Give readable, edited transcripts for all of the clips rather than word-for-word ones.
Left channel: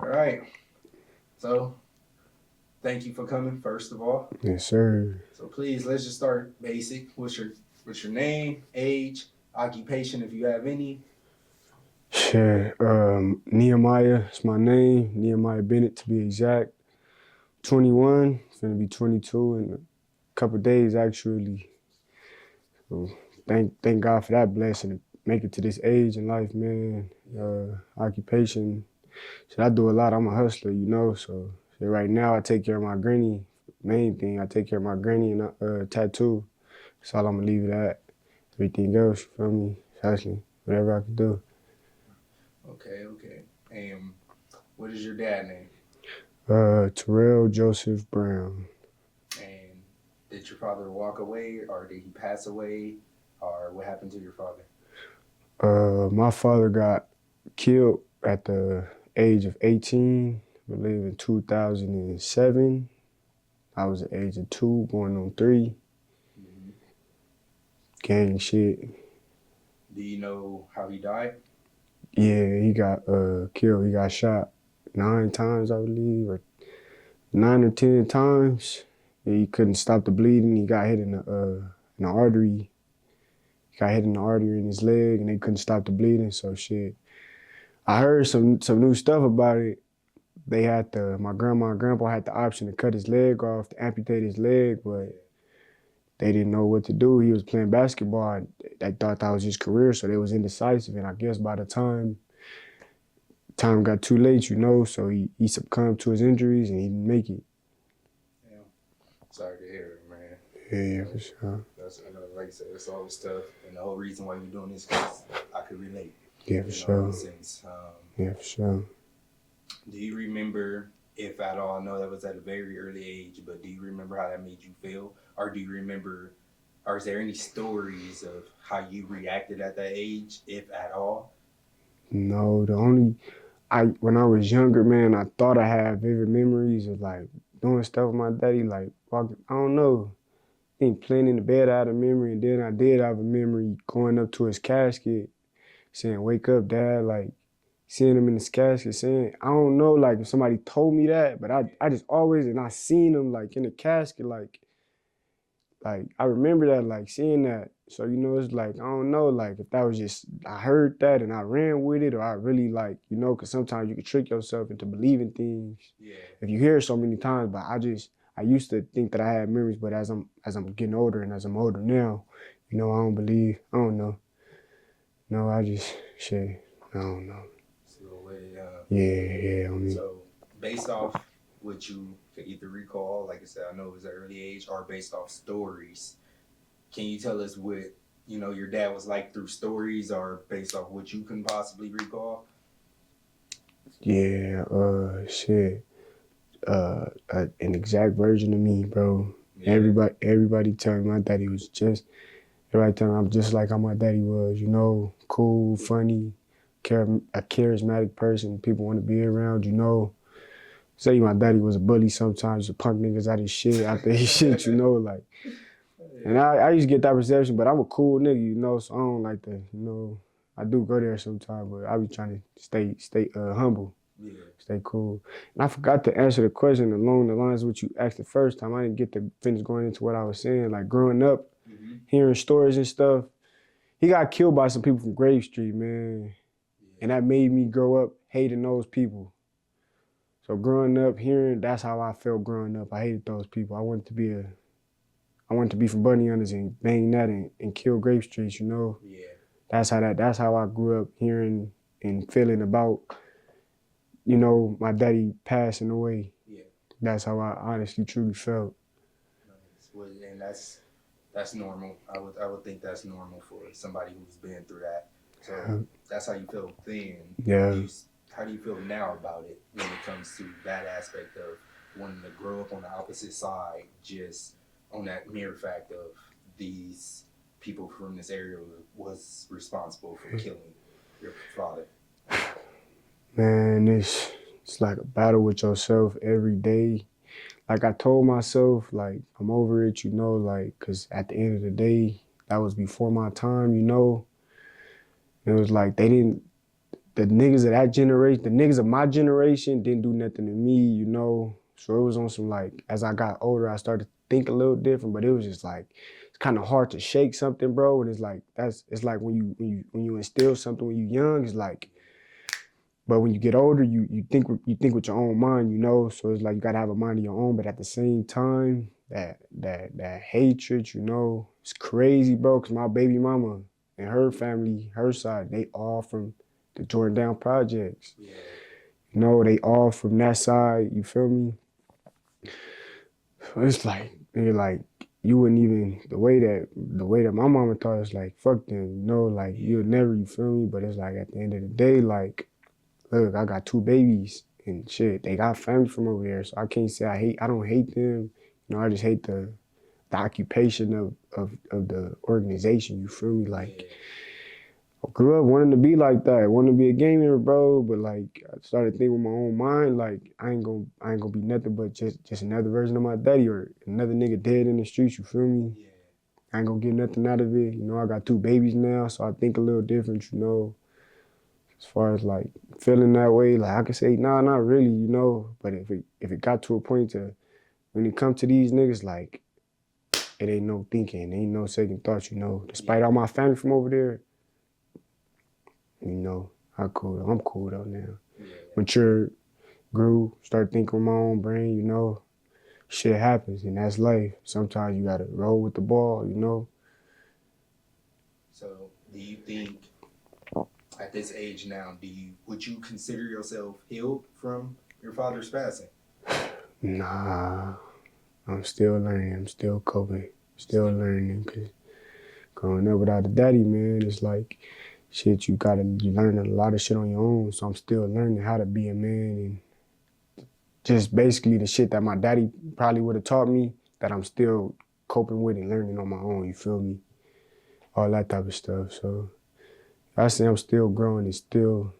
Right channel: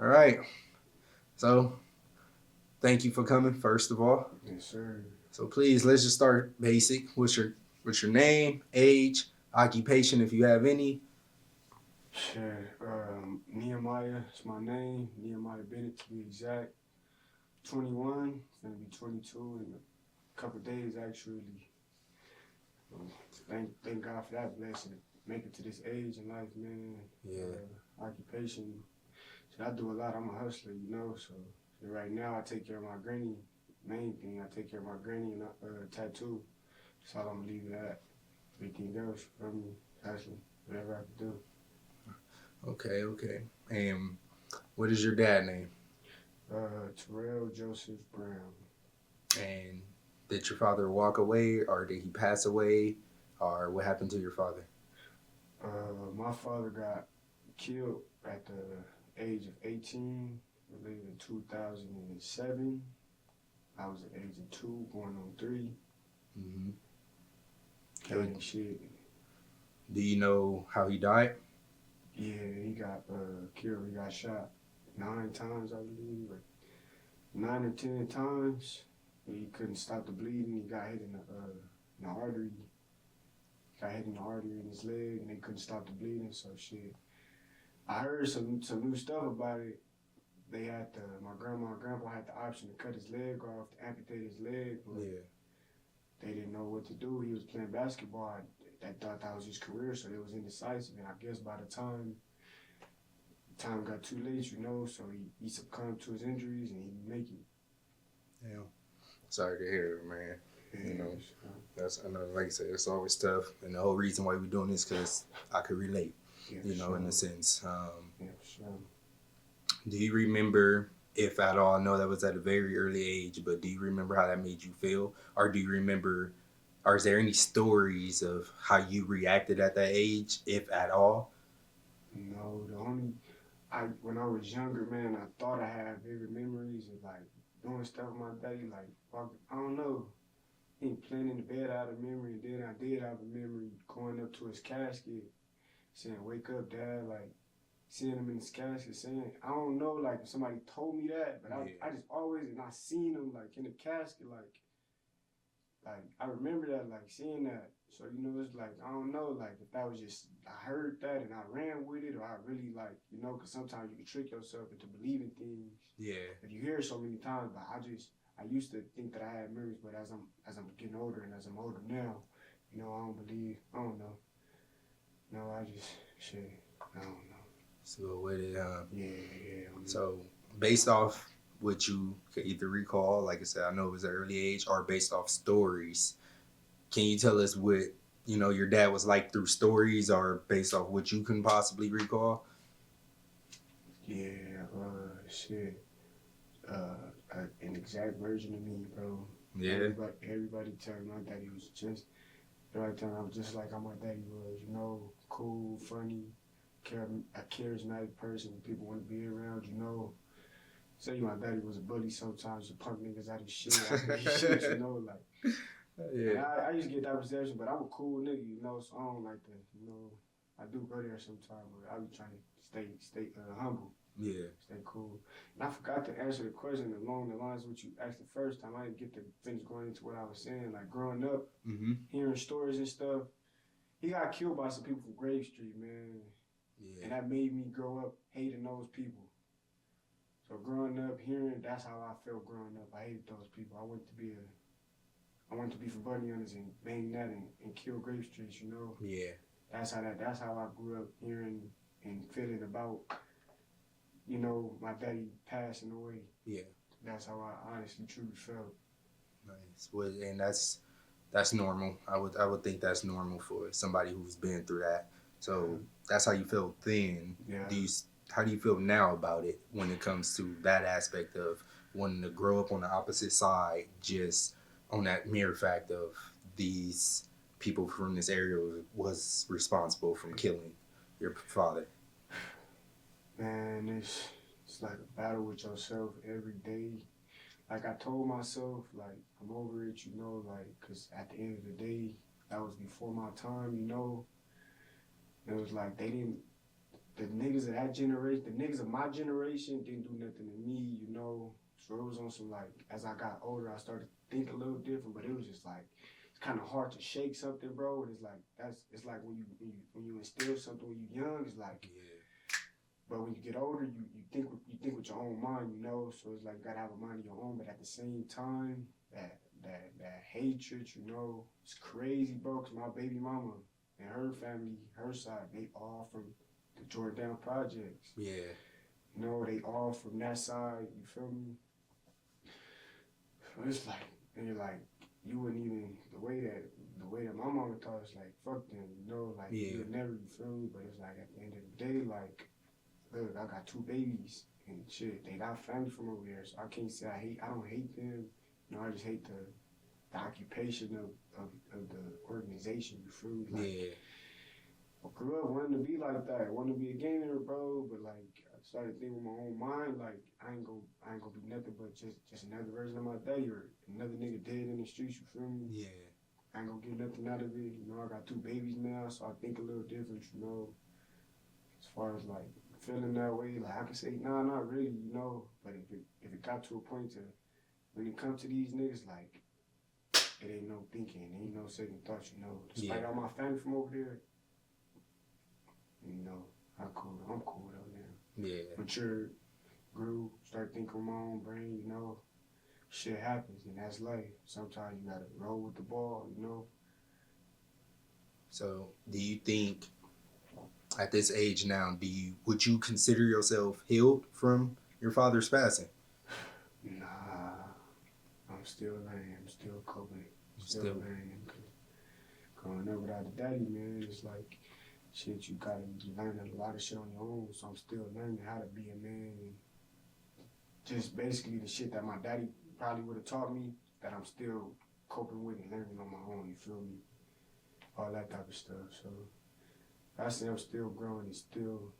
All right. So thank you for coming, first of all. Yes, sir. So please let's just start basic. What's your name, age, occupation if you have any? Shit. Nehemiah is my name. Nehemiah Bennett to be exact. 21. Finna be 22 in a couple days actually. So thank God for that blessing to make it to this age in life, man. Yeah. Occupation. So I do a lot. I'm a hustler, So right now I take care of my granny. Main thing, I take care of my granny and tattoo. That's all I'm gonna leave it at. Everything else, you feel me? Hustling. Whatever I can do. Okay, okay. And what is your dad name? Terrell Joseph Brown. And did your father walk away or did he pass away? Or what happened to your father? My father got killed at the age of 18. I believe in 2007. I was the age of 2, going on 3. Mm-hmm. Gang shit. Do you know how he died? Yeah, he got killed. He got shot 9 times, I believe, or 9 or 10 times. He couldn't stop the bleeding. He got hit in the artery. He got hit in the artery in his leg, and they couldn't stop the bleeding. So shit. I heard some new stuff about it. They had my grandma and grandpa had the option to cut his leg off, to amputate his leg, but Yeah. they didn't know what to do. He was playing basketball. And they thought that was his career, so they was indecisive. And I guess by the time got too late, so he succumbed to his injuries and he didn't make it. Yeah. Sorry to hear it, man. You Yeah, know, for sure. that's another, like I said, it's always tough. And the whole reason why we're doing this case, I could relate, Yeah, for in a sure. sense. Yeah, for sure. Do you remember, if at all, I know that was at a very early age, but do you remember how that made you feel? Or do you remember, or is there any stories of how you reacted at that age, if at all? No, the only I when I was younger, man, I thought I had vivid memories of like doing stuff with my daddy, like walking. I don't know. I think playing in the bed I had a memory, and then I did have a memory going up to his casket saying, "Wake up, Dad!" Like seeing him in his casket, saying, I don't know, like if somebody told me that, but I Yeah. just always and I seen him like in the casket, like I remember that, like seeing that. So it's like I don't know, like if that was just I heard that and I ran with it, or I really like because sometimes you can trick yourself into believing things Yeah. if you hear it so many times. But I used to think that I had memories, but as I'm getting older and as I'm older now, I don't believe. I don't know. No, I just shit. I don't know. So, what did, Yeah, yeah. I mean, so based off what you could either recall, like I said, I know it was an early age, or based off stories, can you tell us what your dad was like through stories, or based off what you can possibly recall? yeah. Shit. An exact version of me, bro. Yeah, Everybody tell me my daddy was just. Everybody tell me I'm just like how my daddy was. Cool, funny, a charismatic person. People want to be around. Say my daddy was a bully sometimes, to punk niggas out his shit after his shit. Like. And yeah, I used to get that perception, but I'm a cool nigga, so I don't like to, I do go there sometimes, but I be trying to stay humble, yeah. stay cool. And I forgot to answer the question along the lines of what you asked the first time. I didn't get to finish going into what I was saying. Like growing up, Mm-hmm. hearing stories and stuff, he got killed by some people from Grave Street, man. And Yeah, that made me grow up hating those people. So growing up, that's how I felt growing up. I hated those people. I wanted to be from Bunny Hunters and bang that and kill Grape Streets. yeah, That's how I grew up hearing and feeling about, my daddy passing away. yeah. That's how I honestly truly felt. Nice. Well, and that's normal. I would think that's normal for somebody who's been through that. So that's how you feel then. Do Yeah. you? How do you feel now about it when it comes to that aspect of wanting to grow up on the opposite side, just on that mere fact of these people from this area was responsible for killing your father? Man, it's like a battle with yourself every day. Like I told myself, like I'm over it, like cuz at the end of the day, that was before my time. It was like they the niggas of that generation, the niggas of my generation didn't do nothing to me, you know. So it was on some like, as I got older, I started to think a little different, but it was just like, it's kind of hard to shake something, bro. And it's like, it's like when you instill something when you young, it's like, but when you get older, you think with your own mind, you know. So it's like you gotta have a mind of your own, but at the same time, that hatred, you know, it's crazy, bro. Cause my baby mama and her family, her side, they all from the Jordan Down projects. Yeah. You know, they all from that side. You feel me? So it's like, you wouldn't even the way that my mama thought, it's like fuck them, you know, like you'll never, you feel me? But it's like at the end of the day, like, look, I got 2 babies and shit. They got family from over there, so I can't say I don't hate them. You know, I just hate the occupation of the organization. You feel me? Like, I grew up wanting to be like that, wanting to be a gamer, bro. But like, I started thinking with my own mind, like, I ain't gonna be nothing but just another version of my daddy or another nigga dead in the streets. You feel me? Yeah. I ain't gonna get nothing out of it. You know, I got 2 babies now, so I think a little different. You know, as far as like feeling that way, like I can say, nah, not really, you know. But if it got to a point to when it comes to these niggas, like, it ain't no thinking, ain't no second thoughts, you know. Despite all my family from over there, you know, I'm cool though now. Yeah. Matured, grew, started thinking with my own brain, you know. Shit happens and that's life. Sometimes you gotta roll with the ball, you know. So do you think at this age now, would you consider yourself healed from your father's passing? Nah, I'm still learning. I'm still coping. Still learning. Cause growing up without a daddy, man, it's like shit. You learn a lot of shit on your own. So I'm still learning how to be a man and just basically the shit that my daddy probably would have taught me that I'm still coping with and learning on my own. You feel me? All that type of stuff. So I say I'm still growing and still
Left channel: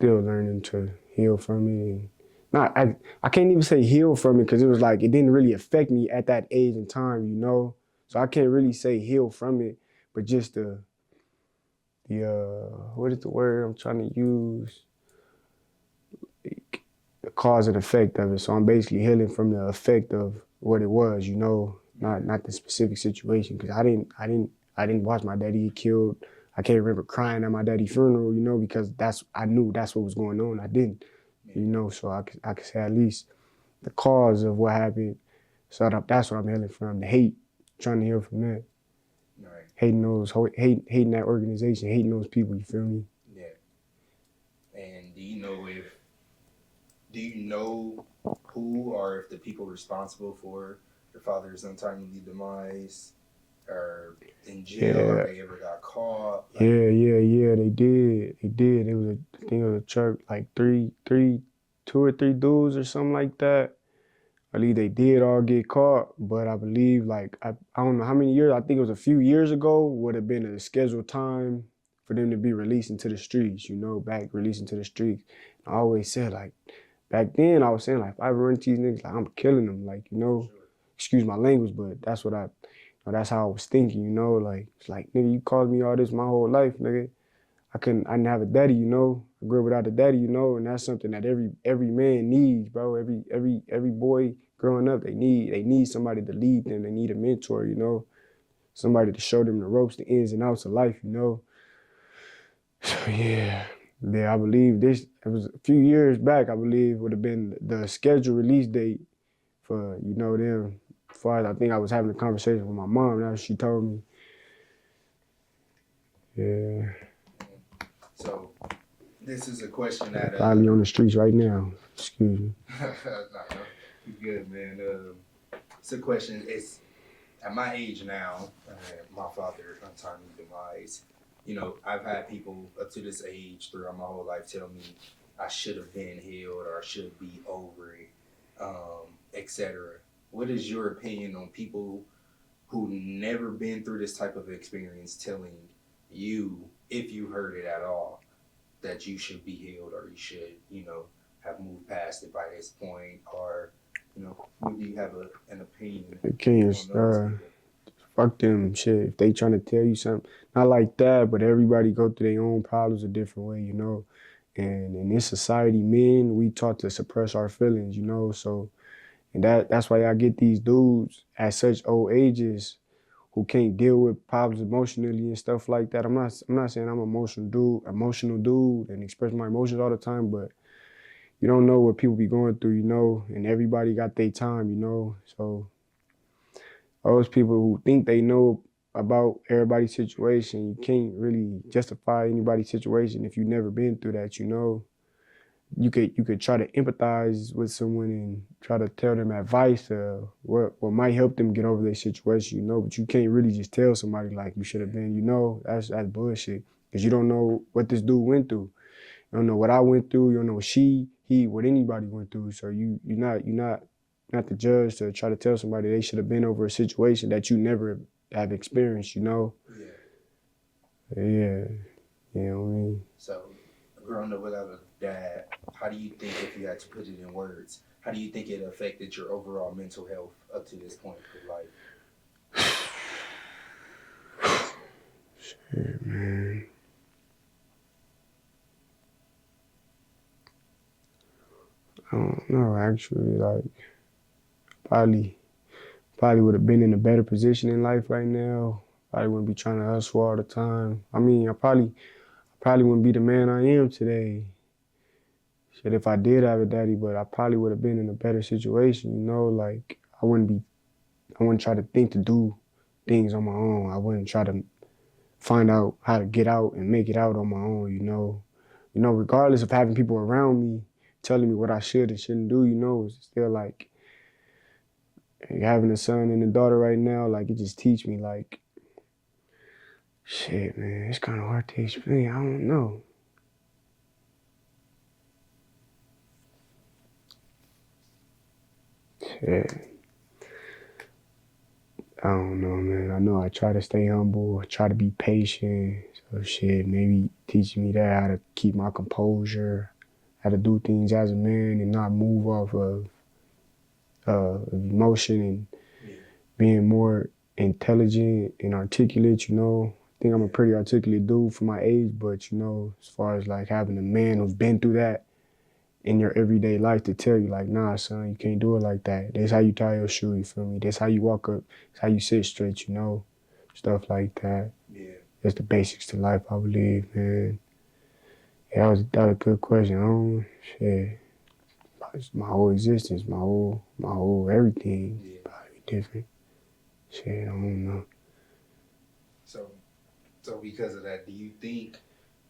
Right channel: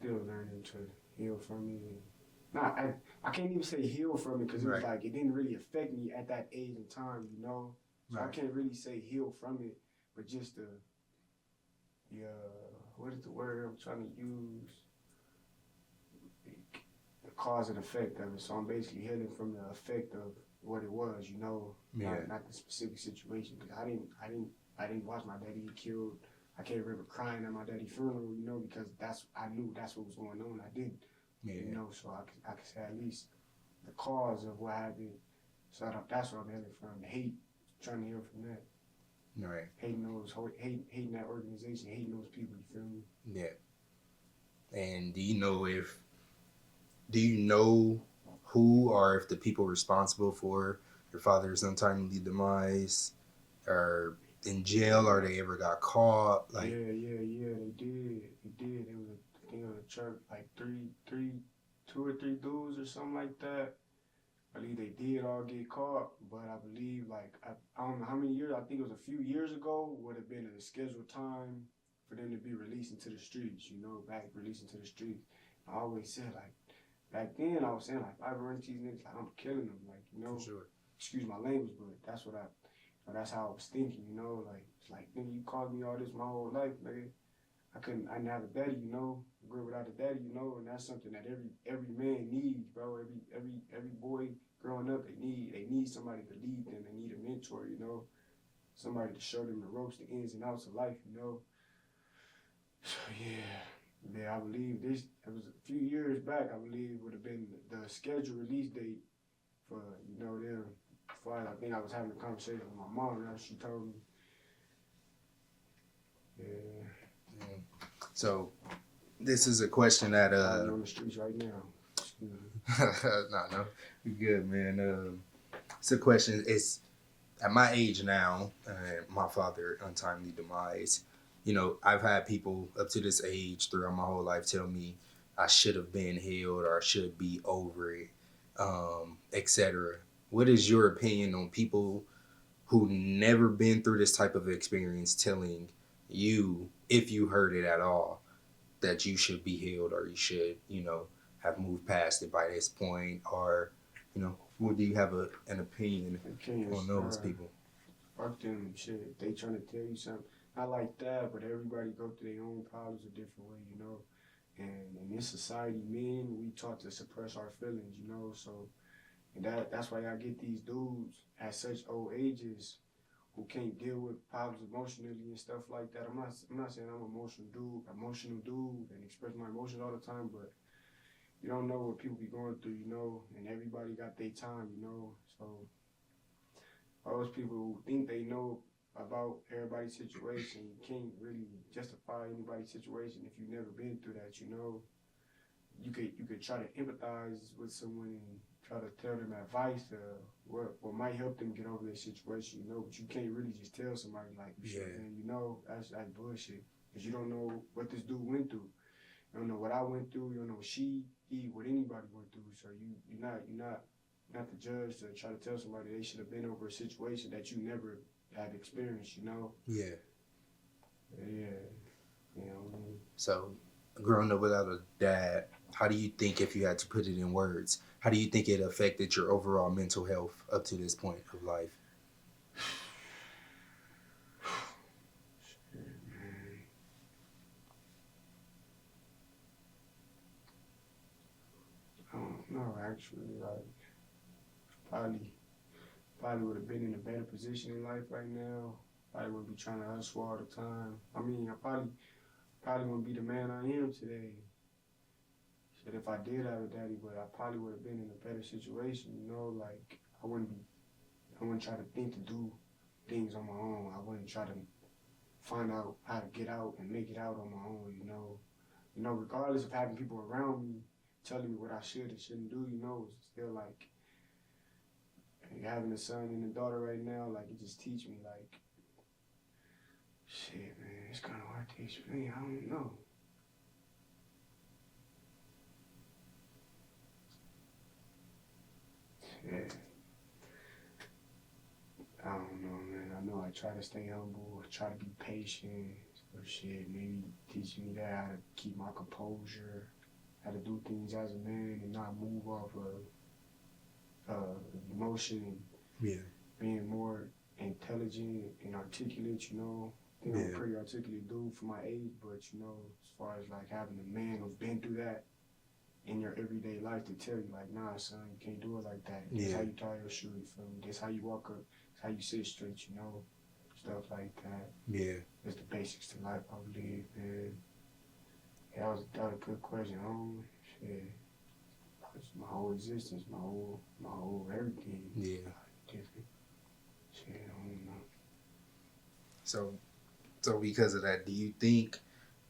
learning to heal from it. And I can't even say heal from it because it was like it didn't really affect me at that age and time, you know. So I can't really say heal from it, but just the what is the word I'm trying to use? Like, the cause and effect of it. So I'm basically healing from the effect of what it was, you know, not the specific situation. Because I didn't watch my daddy get killed. I can't remember crying at my daddy's funeral, you know, because I knew that's what was going on. I didn't, you know, so I could say at least the cause of what happened. So that's what I'm healing from. The hate, trying to heal from that. Right. Hating that organization, hating those people. You feel me? Yeah. And do you know who or if the people responsible for your father's untimely demise are in jail or they ever got caught? Like, yeah, they did. It was I think it was a church, like 2 or 3 dudes or something like that. I believe they did all get caught, but I believe like I don't know how many years. I think it was a few years ago would have been a scheduled time for them to be released into the streets. You know, back released into the streets. I always said like back then I was saying like if I ever run into these niggas, like I'm killing them. Like, you know, excuse my language, but that's what that's how I was thinking. You know, like it's like nigga, you caused me all this my whole life, nigga. I didn't have a daddy, you know. I grew up without a daddy, you know, and that's something that every man needs, bro. Every boy growing up, they need somebody to lead them. They need a mentor, you know, somebody to show them the ropes, the ins and outs of life, you know. So yeah, I believe this. It was a few years back. I believe would have been the scheduled release date for them. As far as I think I was having a conversation with my mom. Now she told me. Yeah. So this is a question that probably on the streets right now. Excuse me. no, you good, man. It's a question. It's at my age now, my father untimely demise. You know, I've had people up to this age throughout my whole life tell me I should have been healed or I should be over it, etc. What is your opinion on people who never been through this type of experience telling you, if you heard it at all, that you should be healed or you should, have moved past it by this point, or, what do you have an opinion on those people? Fuck them, shit. If they trying to tell you something, not like that, but everybody go through their own problems a different way, you know. And in this society, men, we taught to suppress our feelings, you know. So, and that's why I get these dudes at such old ages who can't deal with problems emotionally and stuff like that. I'm not saying I'm an emotional dude, and express my emotions all the time, but you don't know what people be going through, you know, and everybody got their time, you know. So those people who think they know about everybody's situation, you can't really justify anybody's situation if you've never been through that, you know. You could try to empathize with someone and try to tell them advice what might help them get over their situation, you know, but you can't really just tell somebody like you should have been, you know. That's bullshit. Because you don't know what this dude went through. You don't know what I went through. You don't know what what anybody went through. So you're not the judge to try to tell somebody they should have been over a situation that you never have experienced. You know. Yeah. Yeah. You know what I mean. So, growing up without a dad, how do you think, if you had to put it in words, how do you think it affected your overall mental health up to this point of life? Shit, man. I don't know. Actually, like probably probably would have been in a better position in life right now. Probably wouldn't be trying to hustle all the time. I mean, I probably wouldn't be the man I am today. Shit, if I did have a daddy, but I probably would have been in a better situation, you know, like I wouldn't try to think to do things on my own. I wouldn't try to find out how to get out and make it out on my own, you know. You know, regardless of having people around me telling me what I should and shouldn't do, you know, it's still like having a son and a daughter right now, like it just teach me like, shit, man, it's kind of hard to explain. I don't know. Shit. I don't know, man. I know I try to stay humble, I try to be patient. So shit, maybe teaching me that how to keep my composure, how to do things as a man and not move off of emotion and Yeah. being more intelligent and articulate, you know. I think I'm a Yeah. pretty articulate dude for my age, but you know, as far as like having a man who's been through that in your everyday life to tell you like, nah, son, you can't do it like that. That's how Yeah. you tie your shoe, you feel me? That's how you walk up. That's how you sit straight, you know? Stuff like that. Yeah. That's the basics to life, I believe, man. Yeah, that was a good question. I don't, shit. My whole existence, my whole everything, Yeah. probably different. Shit, I don't know. So, because of that, do you think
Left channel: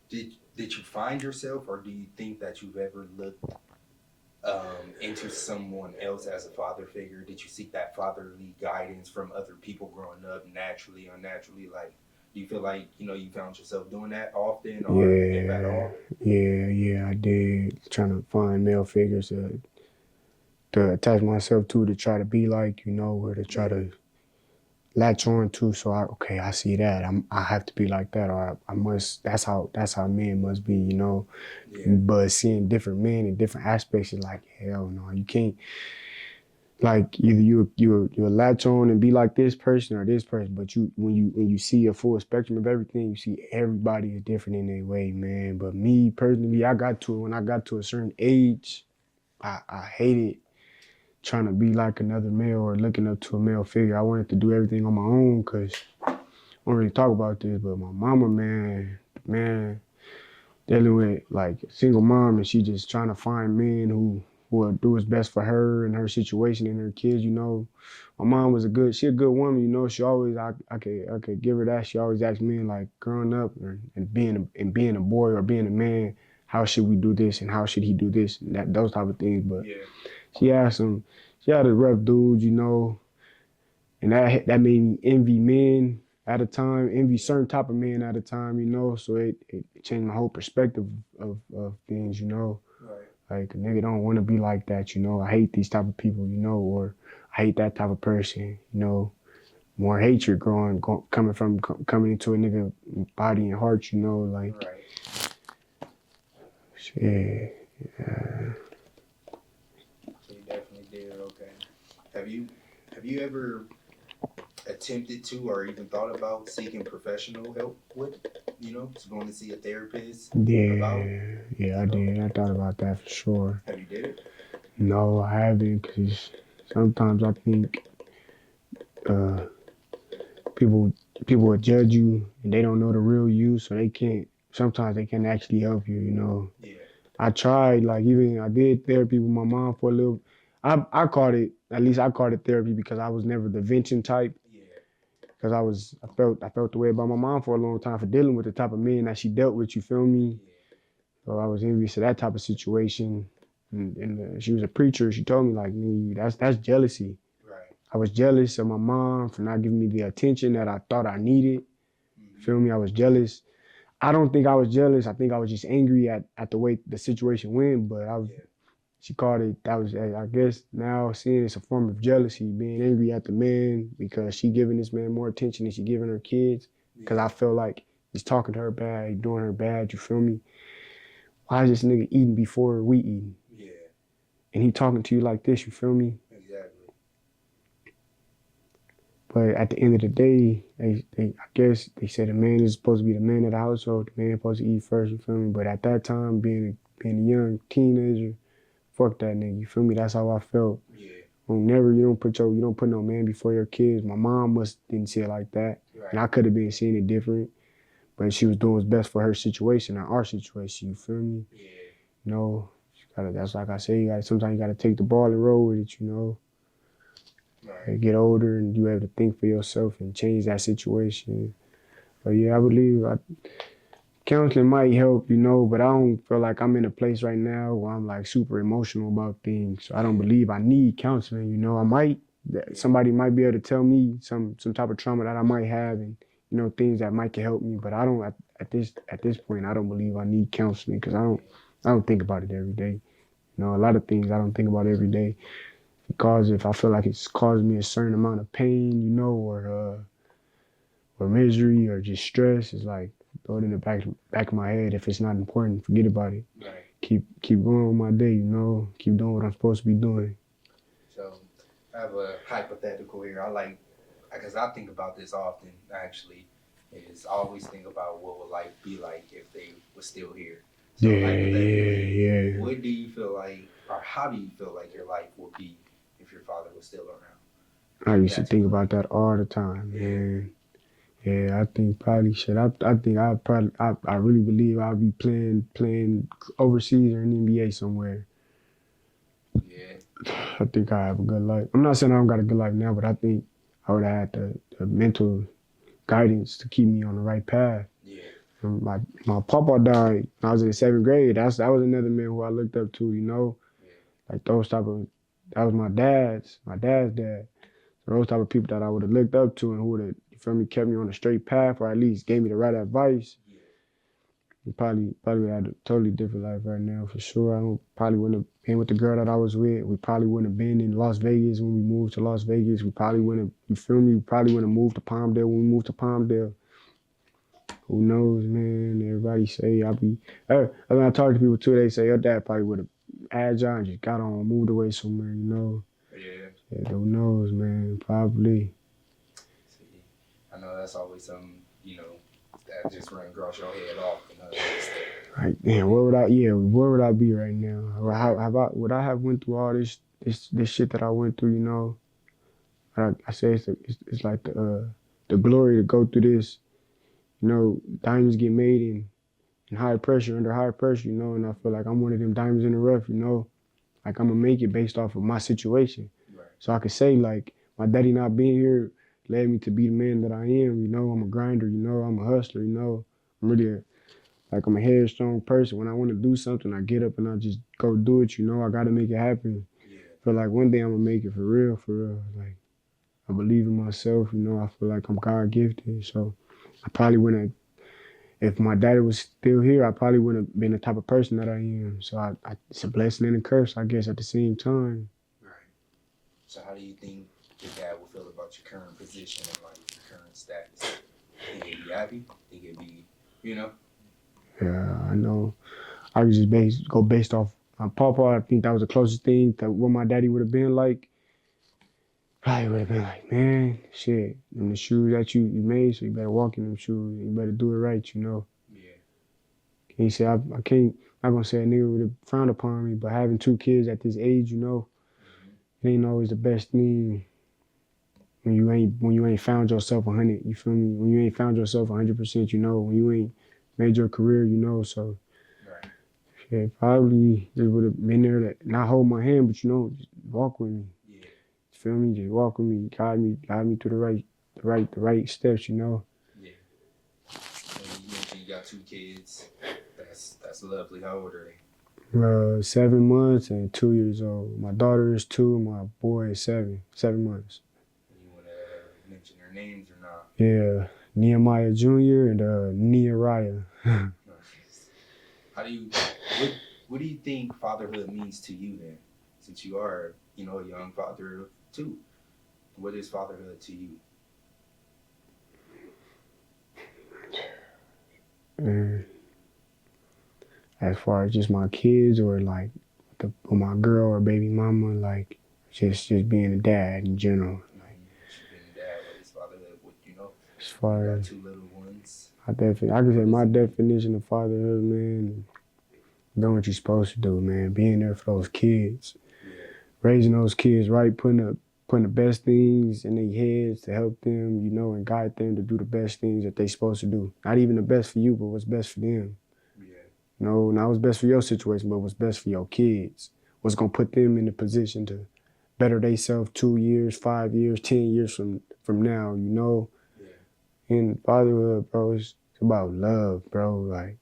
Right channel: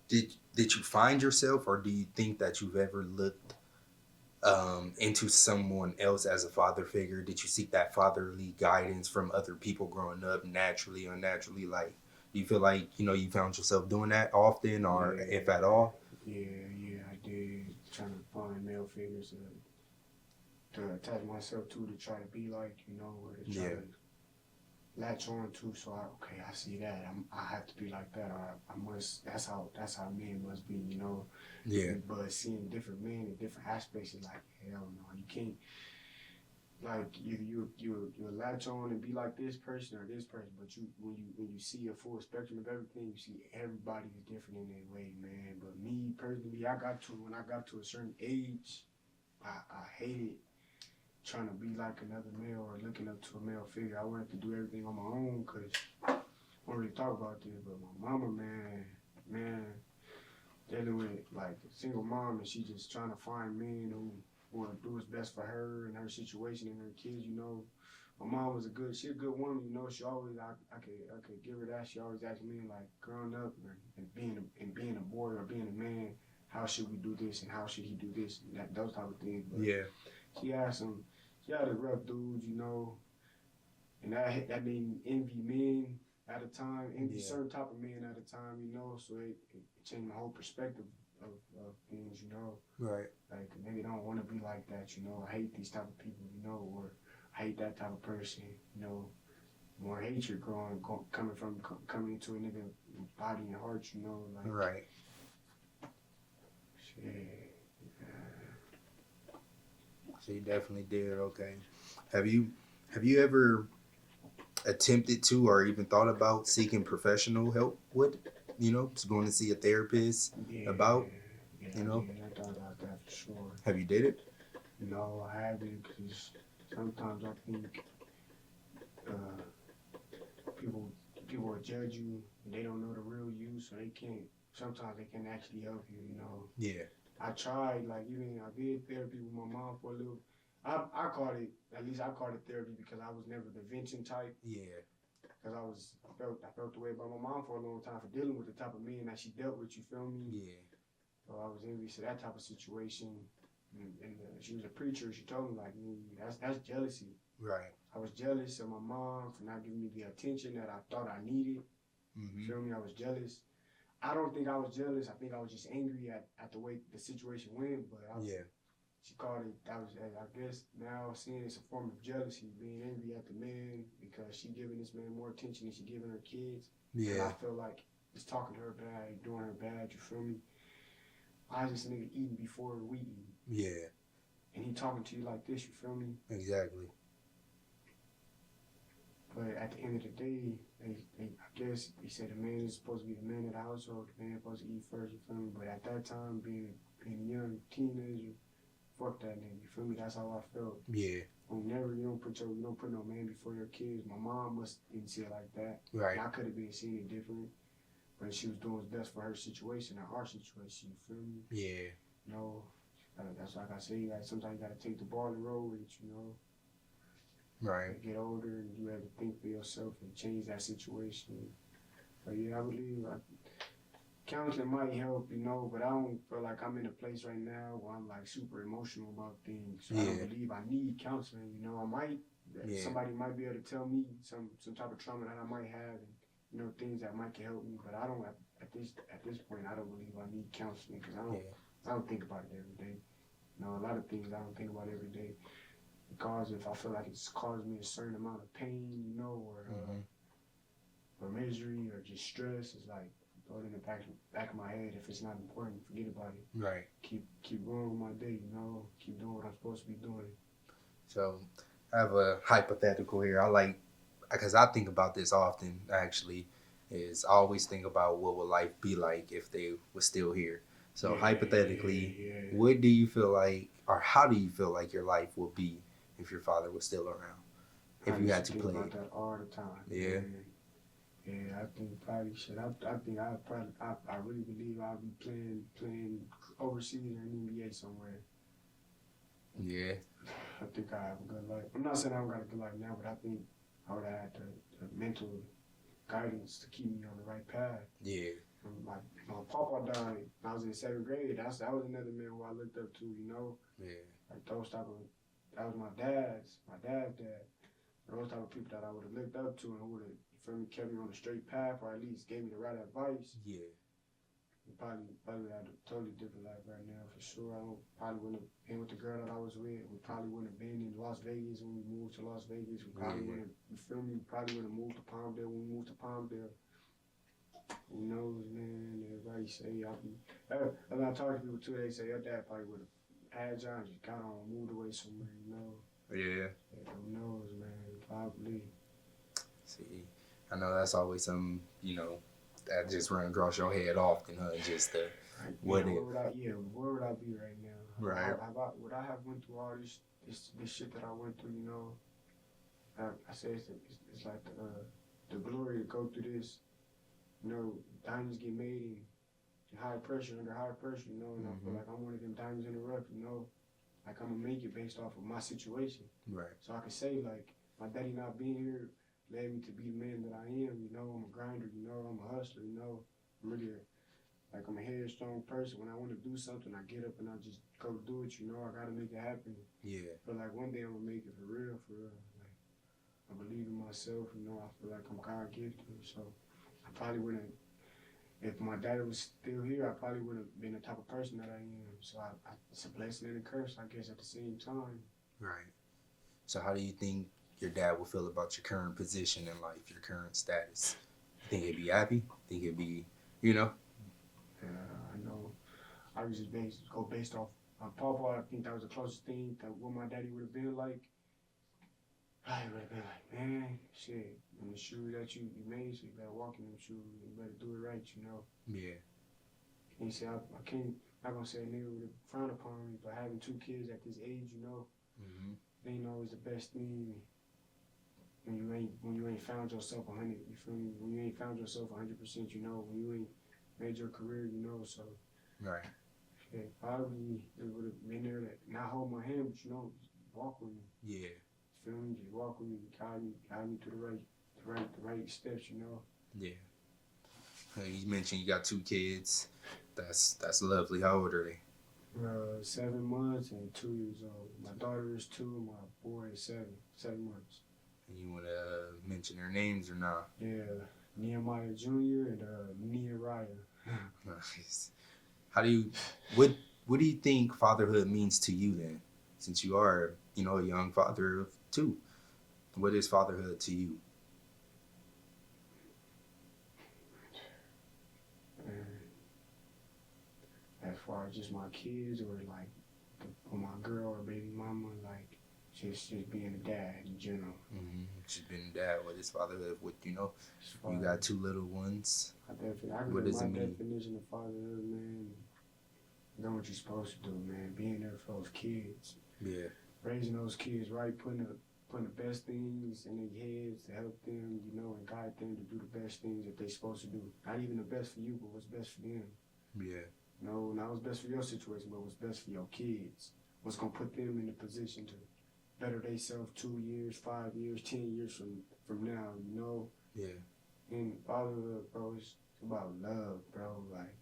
did you find yourself, or do you think that you've ever looked into someone else as a father figure? Did you seek that fatherly guidance from other people growing up, naturally, unnaturally? Like, do you feel like you found yourself doing that often, or if at Yeah, all? yeah, I did. Trying to find male figures to attach myself to try to be like, you know, or to try Yeah. to latch on to. So I see that. I have to be like that, or I must. That's how men must be, you know. Yeah. But seeing different men in different aspects is like, hell no, you can't. Like either you latch on and be like this person or this person, but when you see a full spectrum of everything, you see everybody is different in their way, man. But me personally, when I got to a certain age, I hated trying to be like another male or looking up to a male figure. I wanted to do everything on my own because I don't really talk about this, but my mama, man, dealing with like a single mom and she just trying to find men who will do what's best for her and her situation and her kids, you know. My mom was she a good woman, you know. She always I could give her that. She always asked me like growing up and being a boy or being a man, how should we do this and how should he do this and those type of things. But Yeah. she had she had a rough dude, you know, and that made me envy men at a time, envy Yeah. certain type of men at a time, you know. So it changed my whole perspective of things, you know. Right. Like a nigga don't want to be like that, you know. I hate these type of people, you know, or I hate that type of person, you know. More hatred coming into a nigga body and heart, you know, like Right. shit. So you definitely did. Okay. Have you ever attempted to or even thought about seeking professional help with? Just going to see a therapist about? Yeah, I did. I thought about that for sure. Have you did it? No, I haven't, because sometimes I think uh, people people will judge you and they don't know the real you, so they can't. Sometimes they can't actually help you. Yeah. I tried, like even I did therapy with my mom for a little. I called it, at least I called it therapy, because I was never the venting type. Yeah. Because I felt the way about my mom for a long time for dealing with the type of men that she dealt with. You feel me? Yeah. So I was envious of that type of situation. And she was a preacher. She told me, like, me, that's jealousy. Right. I was jealous of my mom for not giving me the attention that I thought I needed. Mm-hmm. Feel me? I was jealous. I don't think I was jealous. I think I was just angry at the way the situation went. But Yeah. she called it, that was, I guess now seeing it's a form of jealousy, being angry at the man because she giving this man more attention than she giving her kids. Because Yeah. I feel like he's talking to her bad, he's doing her bad, you feel me? Why is this nigga eating before we eating? Yeah. And he talking to you like this, you feel me? Exactly. But at the end of the day, I guess they say the man is supposed to be the man of the household, the man is supposed to eat first, you feel me? But at that time, being a young teenager, fuck that nigga, you feel me? That's how I felt. Yeah. You don't put no man before your kids. My mom didn't see it like that. Right. And I could have been seeing it different. But she was doing what's best for her situation, not our situation, you feel me? Yeah. That's like I say, sometimes you gotta take the ball and roll with it. Right. Get older and you have to think for yourself and change that situation. But yeah, I believe counseling might help, but I don't feel like I'm in a place right now where I'm like super emotional about things. So I don't believe I need counseling. I might, somebody might be able to tell me some type of trauma that I might have, and things that might can help me. But I don't at this point I don't believe I need counseling, because I don't think about it every day. A lot of things I don't think about every day, because if I feel like it's caused me a certain amount of pain, or misery or just stress, it's like throw it in the back of my head. If it's not important, forget about it. Right. Keep going on my day, keep doing what I'm supposed to be doing. So I have a hypothetical here. Because I think about this often, actually, is I always think about what would life be like if they were still here. So hypothetically, what do you feel like, or how do you feel like your life would be if your father was still around? I used to think about that all the time, man. Yeah, I think probably shit. I think I really believe I'll be playing overseas or in the NBA somewhere. Yeah. I think I have a good life. I'm not saying I don't got a good life now, but I think I would have had the mental guidance to keep me on the right path. Yeah. My papa died when I was in the 7th grade. That was another man who I looked up to. Yeah. Like that was my dad's dad. Those type of people that I would have looked up to and who would have, you feel me, kept me on the straight path, or at least gave me the right advice. Yeah. We probably had a totally different life right now, for sure. Probably wouldn't have been with the girl that I was with. We probably wouldn't have been in Las Vegas when we moved to Las Vegas. We probably wouldn't have, you feel me? We probably wouldn't have moved to Palmdale when we moved to Palmdale. Who knows, man? Everybody say when I talk to people too, they say your dad probably would have agile and just got on, moved away somewhere. Yeah. Who knows, man? Probably. See, I know that's always something, that just run across your head often. Right, man. Where would I be right now? Would I have went through all this shit that I went through? I say it's like the glory to go through this. Diamonds get made in under high pressure, and I feel like I'm one of them diamonds in the rough, like I'm gonna make it based off of my situation. Right. So I could say, like, my daddy not being here led me to be the man that I am. I'm a grinder, I'm a hustler, I'm really I'm a headstrong person. When I want to do something, I get up and I just go do it, I gotta make it happen. Yeah. I feel like one day I'm gonna make it for real. Like, I believe in myself, I feel like I'm God gifted. So I probably wouldn't have, if my daddy was still here, I probably wouldn't have been the type of person that I am. So it's a blessing and a curse, I guess, at the same time. Right. So how do you think your dad will feel about your current position and like your current status? Think he'd be happy? Think he'd be, Yeah, I know. I could just go based off my papa. I think that was the closest thing to what my daddy would have been like. probably would have been like, man, shit, them the shoes that you made, so you better walk in them shoes. You better do it right, you know. Yeah. And he said, I can't, I'm not gonna say a nigga would have frowned upon me, but having 2 kids at this age, you know, Mm-hmm. it ain't always the best thing when you ain't found yourself 100. You feel me? When you ain't found yourself 100%, you know. When you ain't made your career, you know. So Right. yeah, probably just would have been there to not hold my hand, but you know, just walk with me. Yeah. You feel me? Just walk with me, guide me through the right steps, you know. Yeah. So you mentioned you got 2 kids. That's lovely. How old are they? 7 months and 2 years old. My daughter is 2, my boy is 7. 7 months. And you want to mention their names or not? Yeah, Nehemiah Jr. and Nehemiah. Nice. How do you what do you think fatherhood means to you then? Since you are, a young father of 2. What is fatherhood to you? And as far as just my kids or like with my girl or baby mama, like just being a dad in general. She's been a dad. What is fatherhood? As You far got as 2 little ones. I can say my definition of fatherhood, man, doing what you're supposed to do, man. Being there for those kids. Yeah. Raising those kids right, putting the best things in their heads to help them, you know, and guide them to do the best things that they supposed to do. Not even the best for you, but what's best for them. Yeah. You know, not what's best for your situation, but what's best for your kids. What's gonna put them in the position to better themselves 2 years, 5 years, 10 years from now, you know. Yeah. And fatherhood, bro, it's about love, bro. Like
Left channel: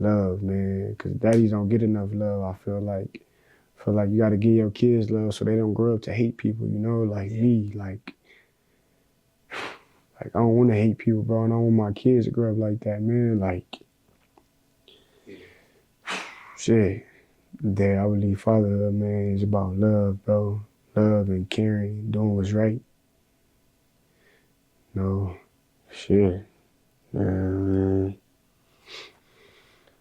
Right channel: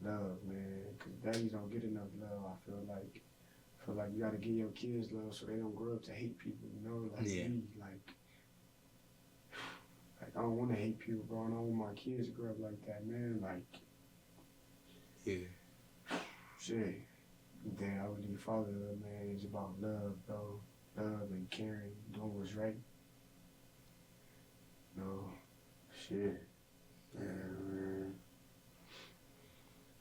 love, man. Cause daddies don't get enough love. I feel like you gotta give your kids love so they don't grow up to hate people, you know, like me. Like I don't wanna hate people, bro, and I don't want my kids to grow up like that, man. Like Yeah. shit. That I believe fatherhood, man, is about love, bro. Love and caring, doing what's right. No, shit. Yeah, man.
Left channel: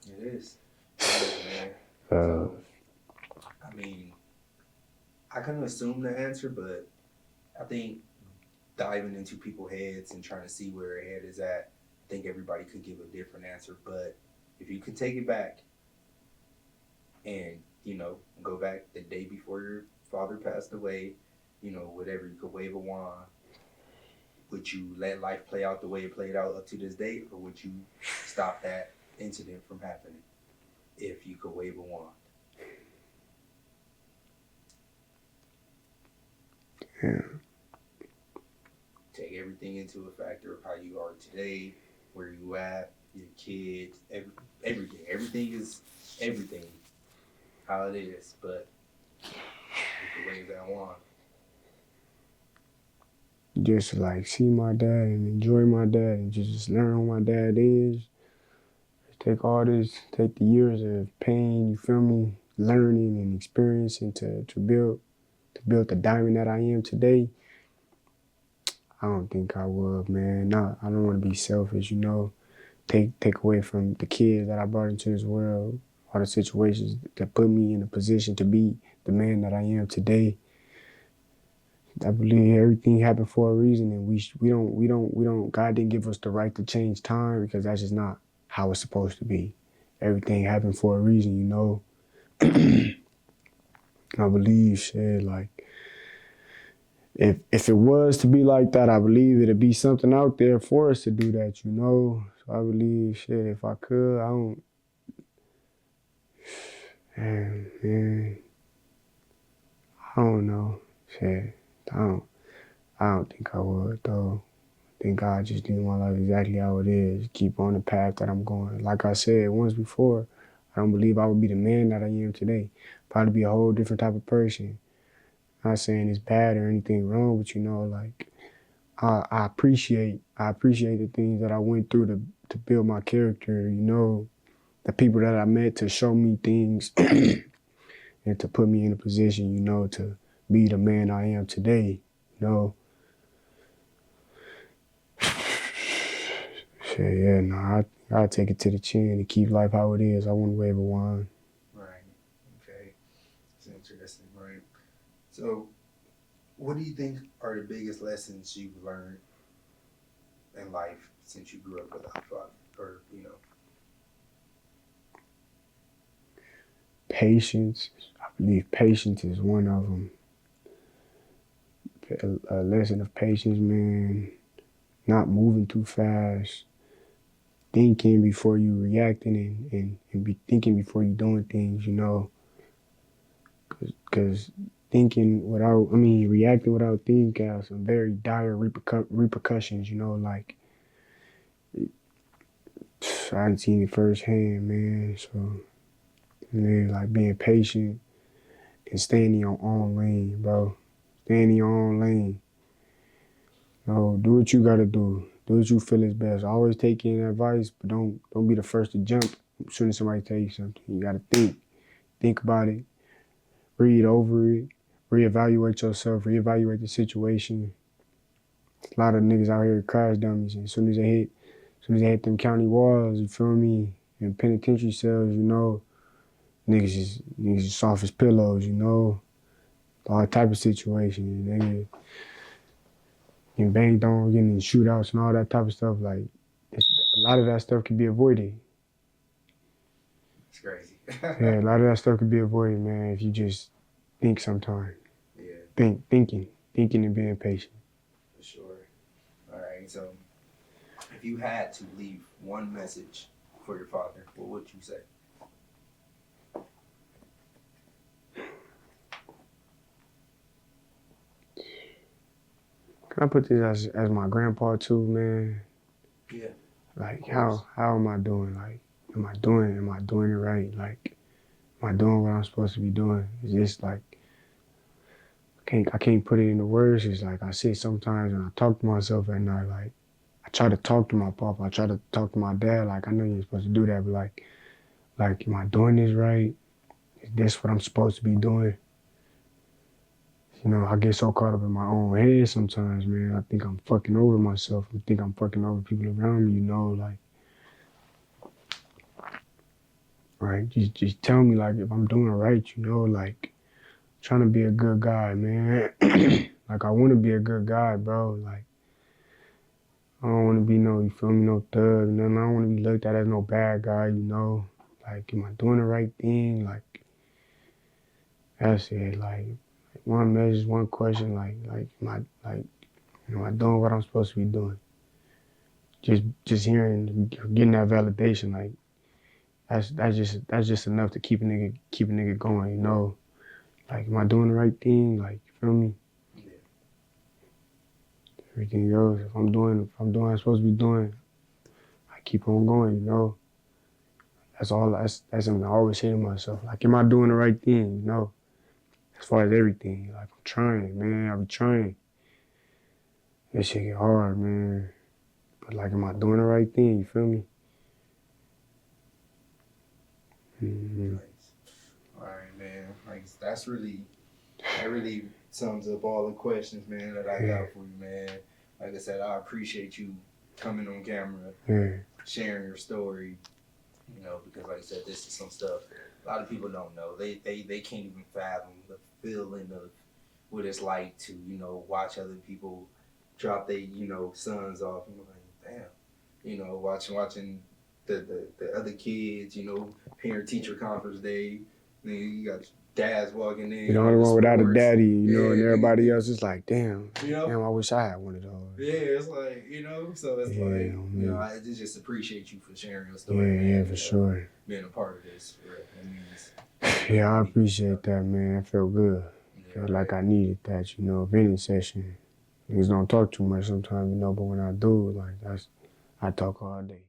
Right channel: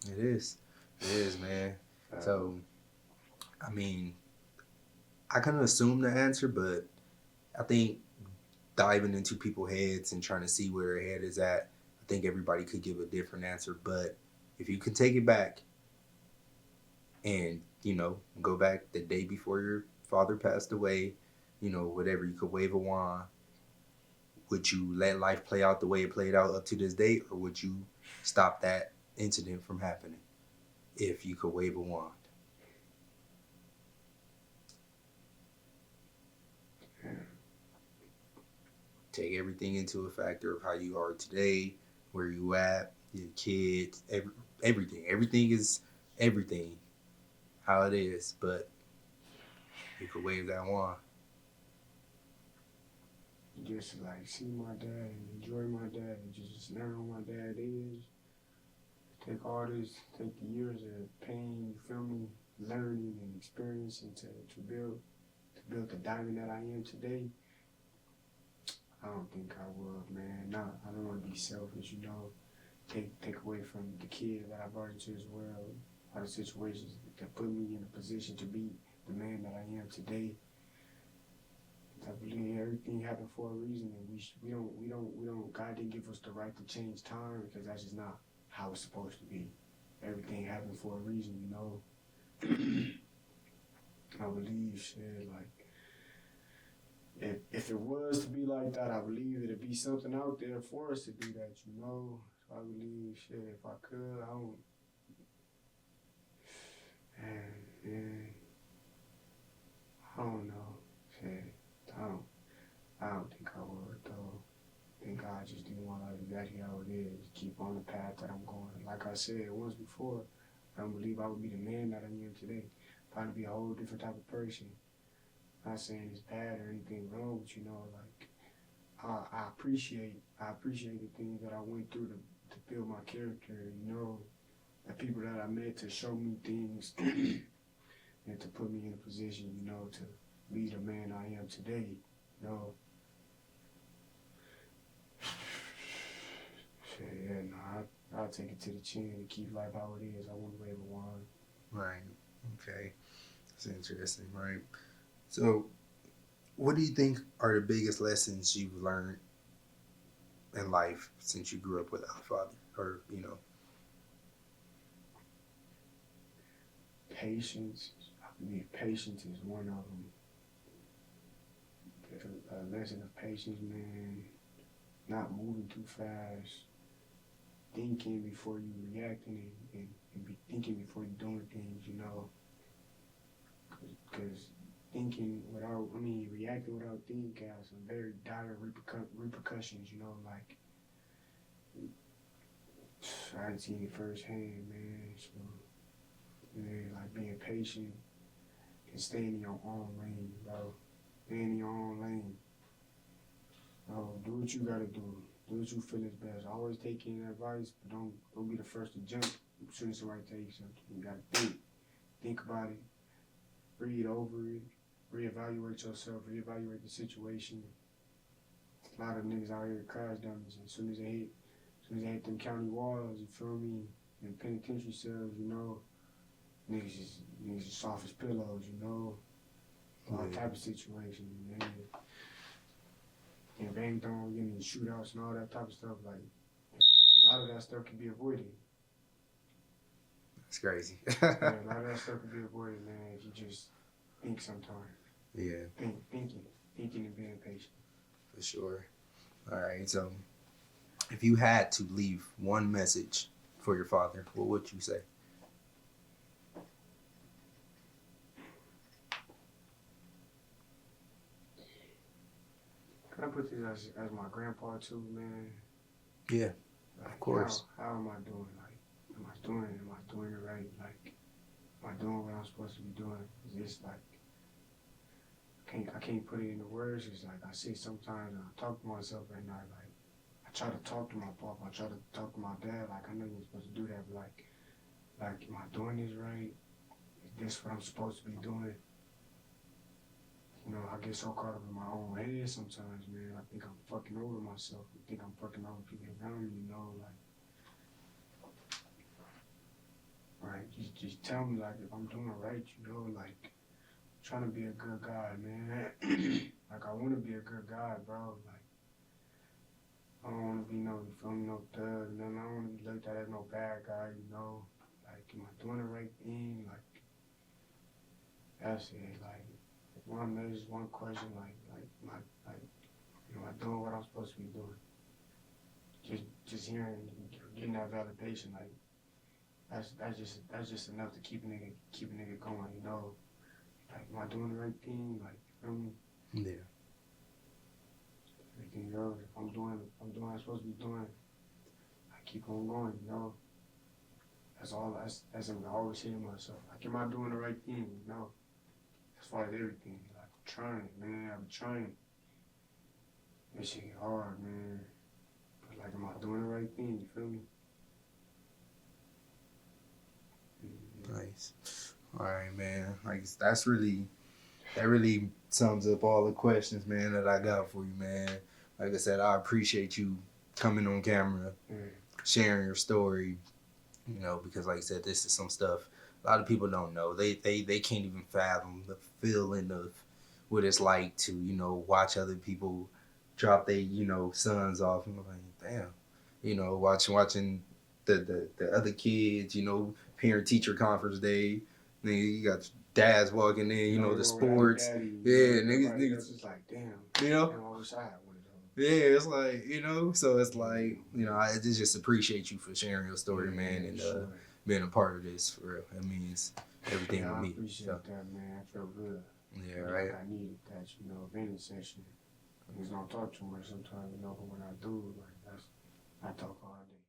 It is. It is, man. So, I mean, I kind of assume the answer, but I think diving into people's heads and trying to see where their head is at, I think everybody could give a different answer. But if you could take it back and, go back the day before your father passed away, whatever, you could wave a wand. Would you let life play out the way it played out up to this day, or would you stop that incident from happening if you could wave a wand? Yeah. Take everything into a factor of how you are today, where you at, your kids, everything. Everything is everything, how it is. But you could wave that wand. Just to like see my dad and enjoy my dad and just learn who my dad is. Take the years of pain, you feel me, learning and experiencing to build the diamond that I am today. I don't think I would, man. I don't want to be selfish, you know. Take away from the kids that I brought into this world, all the situations that put me in a position to be the man that I am today. I believe everything happened for a reason, and we don't. God didn't give us the right to change time because that's just not how it's supposed to be. Everything happened for a reason, you know. I believe, shit, like if it was to be like that, I believe it'd be something out there for us to do that, you know. So I believe, shit, if I could, man, I don't know, shit, I don't, I don't think I would though. I think God just knew my life exactly how it is. Keep on the path that I'm going. Like I said once before, I don't believe I would be the man that I am today. Probably be a whole different type of person. Not saying it's bad or anything wrong, but you know, like I appreciate the things that I went through to build my character, you know, the people that I met to show me things and to put me in a position, you know, to be the man I am today, you know. Shit, yeah, no, I take it to the chin and keep life how it is. I wouldn't wave a wand. Right. Okay. That's interesting, right? So, What do you think are the biggest lessons you've learned in life since you grew up without a father? Or, Patience. I believe patience is one of them. A lesson of patience, man. Not moving too fast. Thinking before you reacting and be thinking before you doing things, you know. Because reacting without thinking has some very dire repercussions, you know, like, I didn't seen it firsthand, man. So, man, like being patient and staying in your own lane, bro. Staying in your own lane. No, do what you gotta do. Do what you feel is best. Always take in advice, but don't be the first to jump as soon as somebody tell you something. You gotta think about it, read over it, reevaluate yourself, reevaluate the situation. A lot of niggas out here crash dummies, and as soon as they hit them county walls, you feel me, and penitentiary cells, you know, niggas is soft as pillows, you know, all type of situations. Niggas getting banged on, getting in shootouts and all that type of stuff. Like, a lot of that stuff can be avoided. it's crazy. Yeah, a lot of that stuff can be avoided, man, if you just think sometimes. Yeah. Thinking and being patient. For sure. All right. So, if you had to leave one message for your father, what would you say? Can I put this as my grandpa too, man? Yeah. Like, how am I doing? Like, am I doing it right? Like, am I doing what I'm supposed to be doing? It's just like, I can't put it into words. It's like I sit sometimes and I talk to myself at night. Like, I try to talk to my papa. I try to talk to my dad. Like, I know you're supposed to do that, but like, am I doing this right? Is this what I'm supposed to be doing? You know, I get so caught up in my own head sometimes, man. I think I'm fucking over myself. I think I'm fucking over people around me, you know, like, right? Just tell me, like, if I'm doing right, you know, like, trying to be a good guy, man. Like, I want to be a good guy, bro. Like, I don't want to be no, you feel me, no thug, nothing. I don't want to be looked at as no bad guy, you know. Like, am I doing the right thing? Like, that's it. Like, one message, one question, am I doing what I'm supposed to be doing? Just hearing, getting that validation, like, that's just enough to keep a nigga going, you know. Like, am I doing the right thing? Like, you feel me? Yeah. Everything else, if I'm doing what I'm supposed to be doing, I keep on going, you know. That's something I always say to myself. Like, am I doing the right thing? You know, as far as everything. Like, I'm trying, man. I be trying. This shit get hard, man. But like, am I doing the right thing? You feel me? Mm-hmm. Nice. All right, man. Like that really sums up all the questions, man, that I got for you, man. Like I said, I appreciate you coming on camera, sharing your story. You know, because like I said, this is some stuff a lot of people don't know. They can't even fathom the feeling of what it's like to, watch other people drop their, sons off. And I'm like, damn, watching the other kids, parent teacher conference day. Then you got dads walking in, The only the one without a sports. daddy, you know, and everybody nigga, else is like, damn, I wish I had one of those. Yeah, it's like, so it's like, I just appreciate you for sharing your story, man. Yeah, for sure. Being a part of this, for real. That means. Yeah, I appreciate that, man. I feel good. Yeah, Feel like I needed that, venting session. Niggas don't talk too much sometimes, but when I do, like, I talk all day.